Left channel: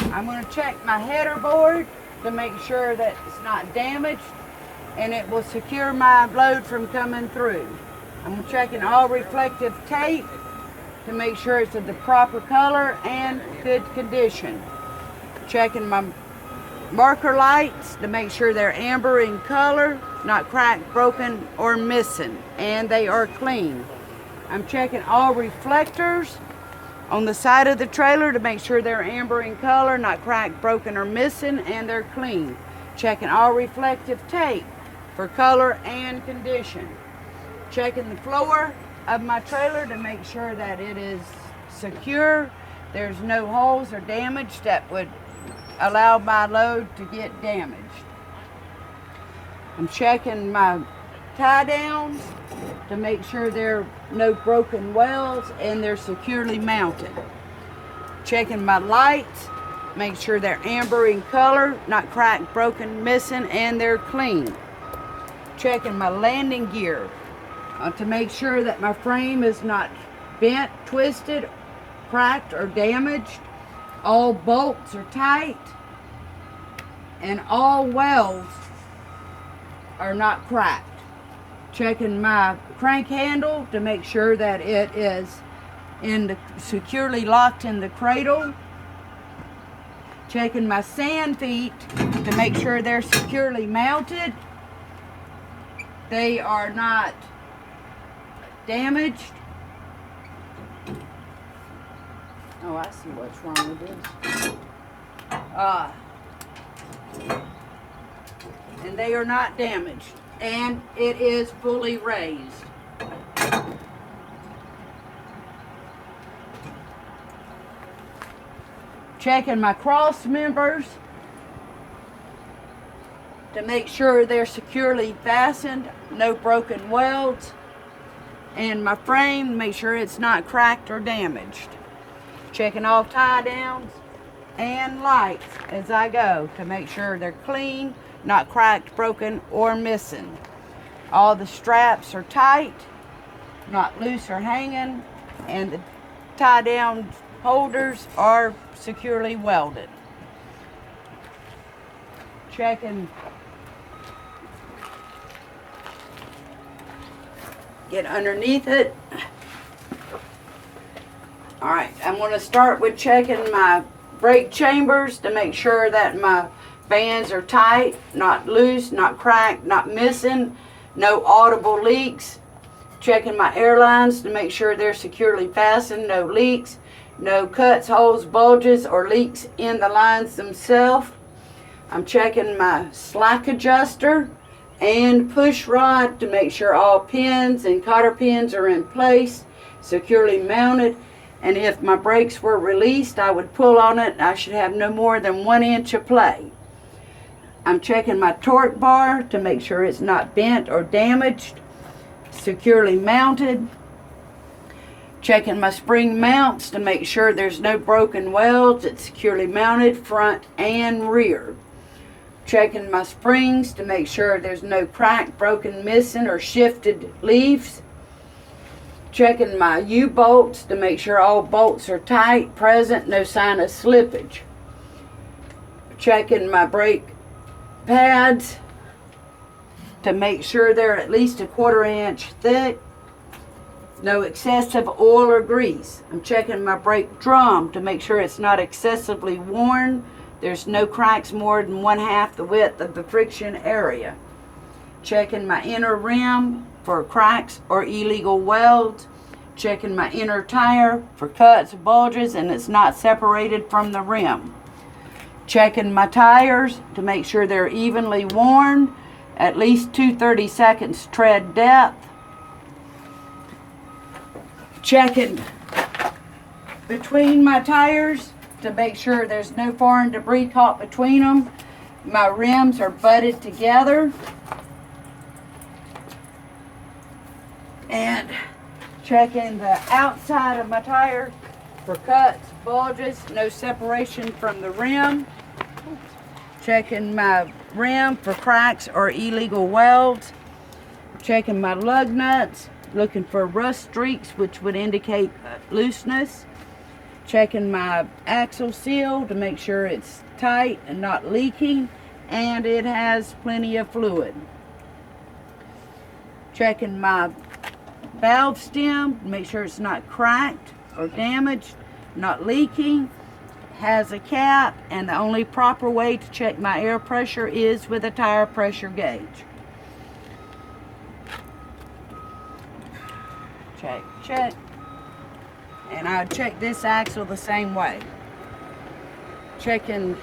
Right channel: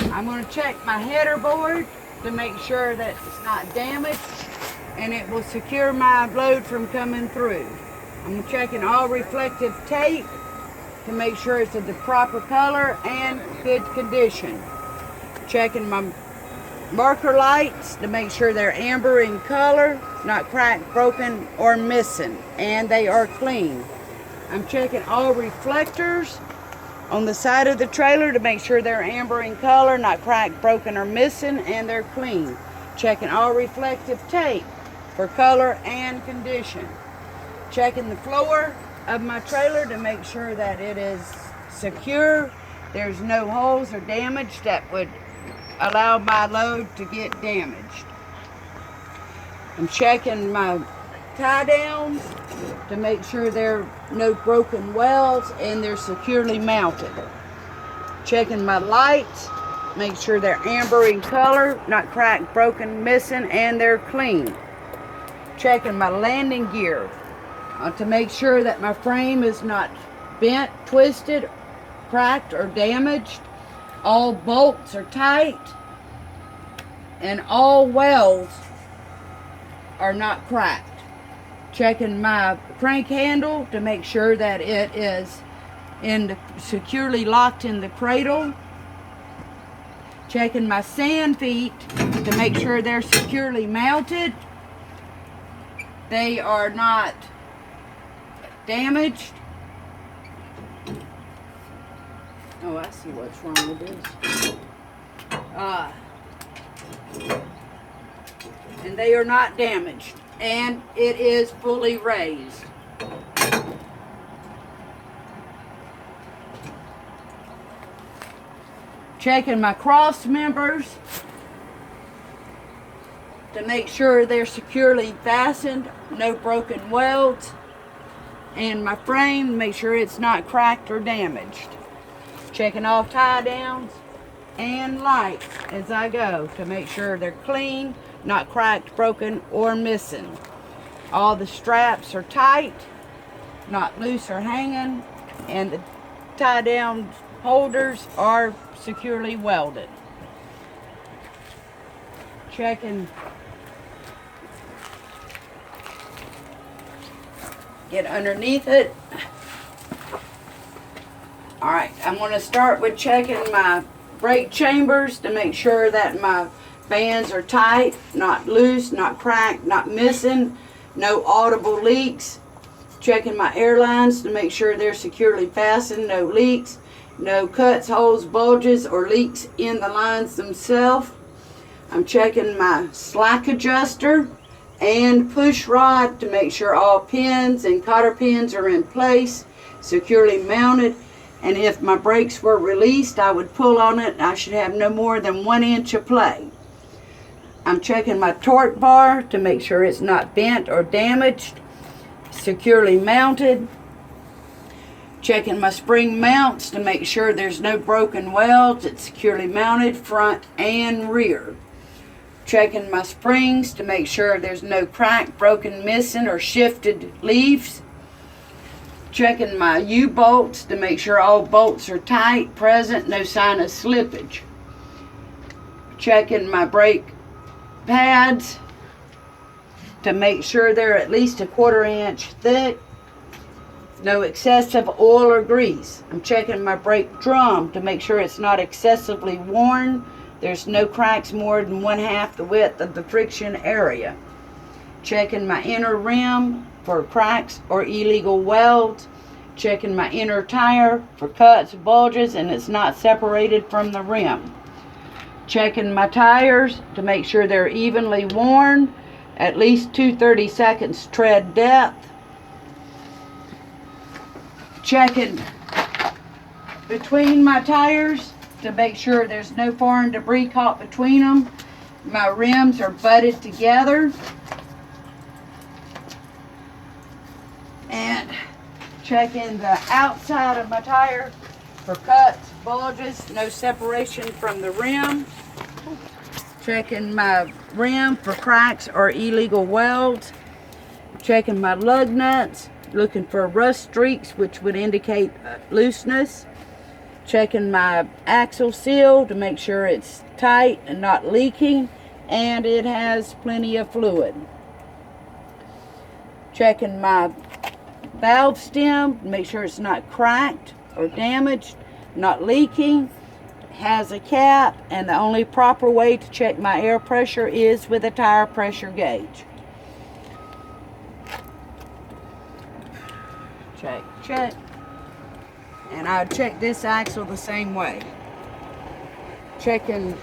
I'm going to check my header board to make sure that it's not damaged and it will secure my load from coming through. I'm checking all reflective tape to make sure it's of the proper color and good condition. Checking my marker lights to make sure they're amber in color, not cracked, broken, or missing, and they are clean. I'm checking all reflectors on the side of the trailer to make sure they're amber in color, not cracked, broken, or missing, and they're clean. Checking all reflective tape for color and condition. Checking the floor of my trailer to make sure that it is secure. There's no holes or damage that would allow my load to get damaged. I'm checking my tie downs to make sure there are no broken welds and they're securely mounted. Checking my lights, make sure they're amber in color, not cracked, broken, missing, and they're clean. Checking my landing gear to make sure that my frame is not bent, twisted, cracked, or damaged. All bolts are tight and all welds are not cracked. Checking my crank handle to make sure that it is securely locked in the cradle. Checking my sand feet to make sure they're securely mounted. They are not damaged. Oh, I see what's wrong with this. And they are not damaged. And it is fully raised. Checking my cross members to make sure they're securely fastened, no broken welds, and my frame to make sure it's not cracked or damaged. Checking all tie downs and lights as I go to make sure they're clean, not cracked, broken, or missing. All the straps are tight, not loose or hanging, and the tie down holders are securely welded. Checking, get underneath it. All right, I'm going to start with checking my brake chambers to make sure that my bands are tight, not loose, not cracked, not missing, no audible leaks. Checking my air lines to make sure they're securely fastened, no leaks, no cuts, holes, bulges, or leaks in the lines themselves. I'm checking my slack adjuster and push rod to make sure all pins and cotter pins are in place, securely mounted. And if my brakes were released, I would pull on it. I should have no more than 1 inch of play. I'm checking my torque bar to make sure it's not bent or damaged, securely mounted. Checking my spring mounts to make sure there's no broken welds. It's securely mounted front and rear. Checking my springs to make sure there's no crack, broken, missing, or shifted leaves. Checking my U-bolts to make sure all bolts are tight, present, no sign of slippage. Checking my brake pads to make sure they're at least 1/4 inch thick, no excessive oil or grease. I'm checking my brake drum to make sure it's not excessively worn. There's no cracks more than 1/2 the width of the friction area. Checking my inner rim for cracks or illegal welds. Checking my inner tire for cuts, bulges, and it's not separated from the rim. Checking my tires to make sure they're evenly worn, at least 2/32 tread depth. Checking between my tires to make sure there's no foreign debris caught between them. My rims are butted together. And checking the outside of my tire for cuts, bulges, no separation from the rim. Checking my rim for cracks or illegal welds. Checking my lug nuts, looking for rust streaks which would indicate looseness. Checking my axle seal to make sure it's tight and not leaking, and it has plenty of fluid. Checking my valve stem to make sure it's not cracked or damaged, not leaking, has a cap, and the only proper way to check my air pressure is with a tire pressure gauge. Check. And I would check this axle the same way. Checking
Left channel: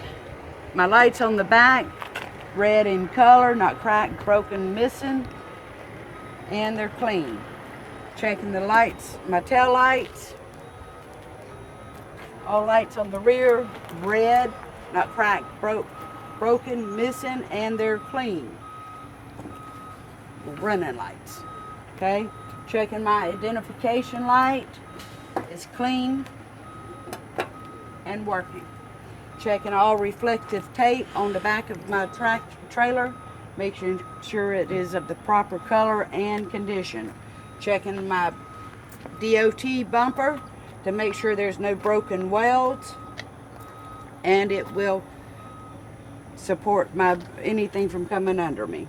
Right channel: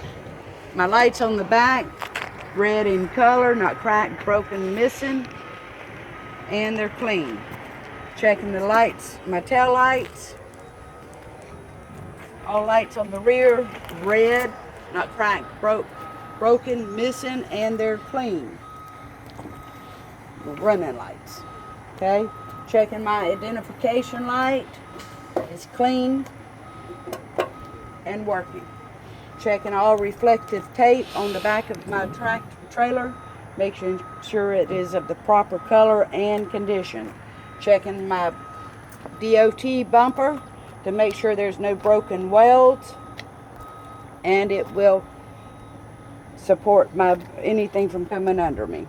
my lights on the back, red in color, not cracked, broken, missing, and they're clean. Checking the lights, my tail lights. All lights on the rear, red, not cracked, broken, missing, and they're clean. Running lights. Okay? Checking my identification light. It's clean and working. Checking all reflective tape on the back of my trailer, making sure it is of the proper color and condition. Checking my DOT bumper to make sure there's no broken welds, and it will support anything from coming under me.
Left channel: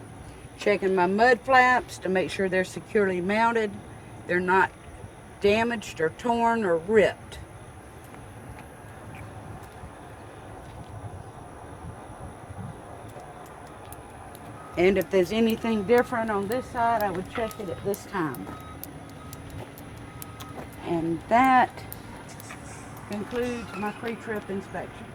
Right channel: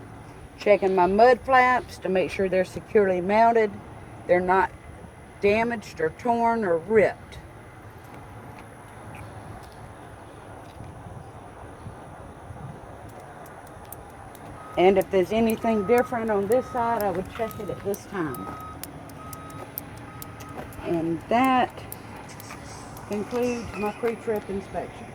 Checking my mud flaps to make sure they're securely mounted, they're not damaged or torn or ripped. And if there's anything different on this side, I would check it at this time. And that concludes my pre-trip inspection.